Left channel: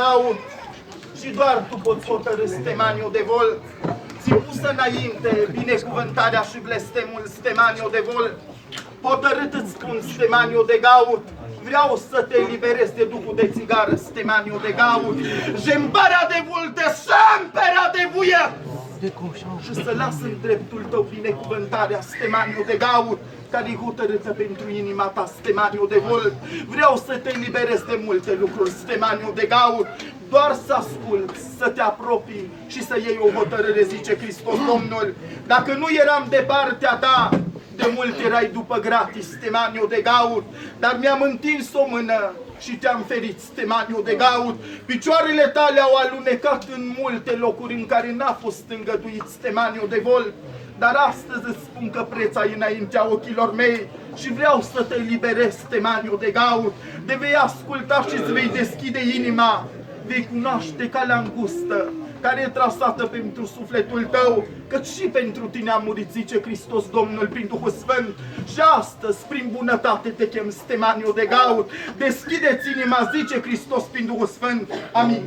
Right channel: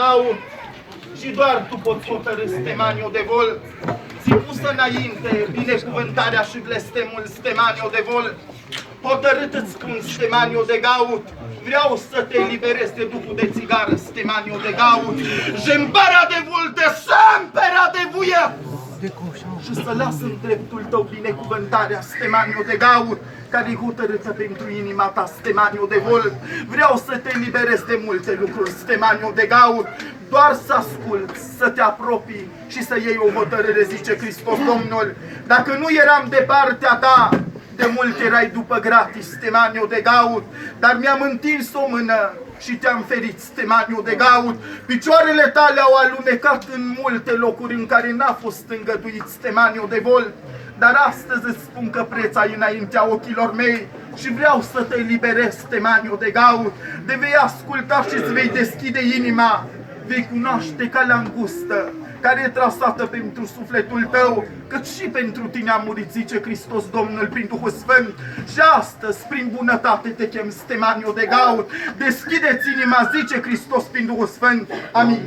gaur și doar tu poți hotărâ, Stemaniu de Vol. Ți pusă înainte binecuvântarea și blestemul, Stemaniu de Vol. Hotărât îți spun, Stemaniu de Gaur, vreau să te eliberezi de duhul de țigară, Stemaniu de Gaur. Jembarea de vulte, sâmpera de vuia! Și să las în dreptul tău binecuvântarea, Stemaniu de Gaur, care e hotărâtă pentru inima ta, Stemaniu de Vol. Vreau să te eliberezi de multe lucruri, Stemaniu de Gaur. Doar să asculți, să te apropii și să iei o hotărâre, zice Hristos Domnul. Dacă nu eram de partea ta, de mult erai după gratis, Stemaniu de Gaur, dar mi-am întins o mână și te-am ferit, Stemaniu de Gaur. Picioarele tale au alunecat în multe locuri în care n-a fost îngăduit, Stemaniu de Vol, dar astăzi îți spun că preț ai înaintea ochilor mei și vreau să te eliberezi, Stemaniu de Gaur. De vei asculta și îți vei deschide inima, vei cunoaște calea îngustă care e trasată pentru sufletul tău, căci și pentru tine a murit, zice Hristos Domnul prin Duhul Sfânt. Și astăzi, prin bunătate te chem, Stemaniu de Gaur. Deschideți inima, zice Hristos prin Duhul Sfânt. Amin.